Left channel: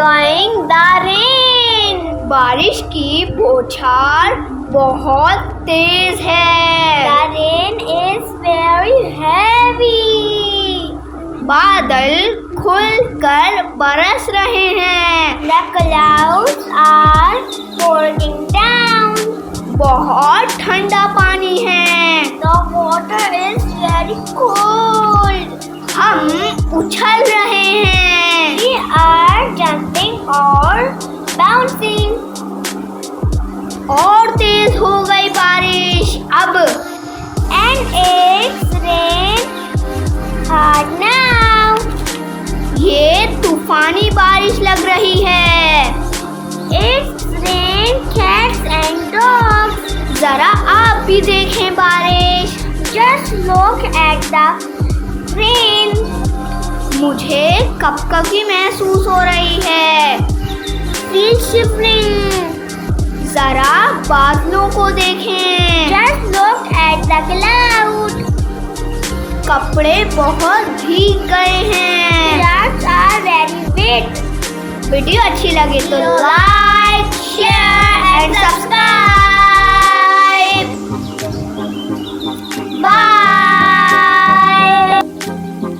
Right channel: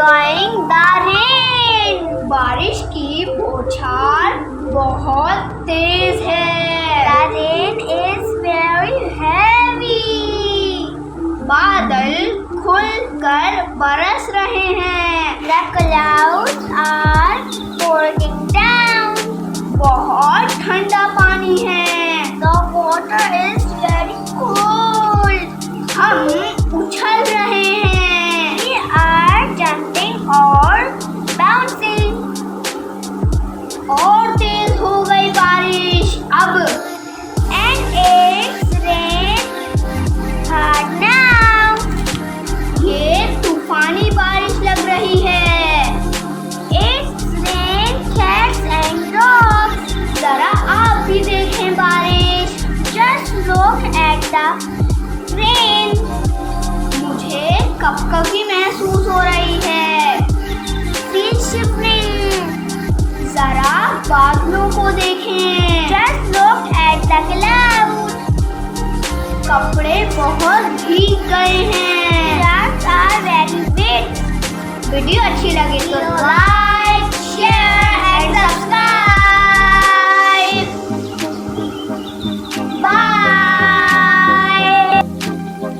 enjoying the rain. बारिश की बौछार बहुत तेज है। The rain is very heavy. बादल खुलकर बरस रहे हैं। The clouds are pouring down. बहुत ठंडा पानी है। The water is very cold. हम उछल रहे हैं। We are jumping or bouncing. और तेज हो गई बारिश अब। And it's rain hard now. ये तूफानी बारिश लग रही है। It's rain cats and dogs. जरा आप भी देखें बारिश। Just look at the rain. मुझे कपकपी महसूस हो रही है। Feel shivering. जरा बादलों को देखें। Just look at the cloud. कपड़े बहुत भीग गए हैं। Clouds are very wet. Video अच्छी लगे तो लाइक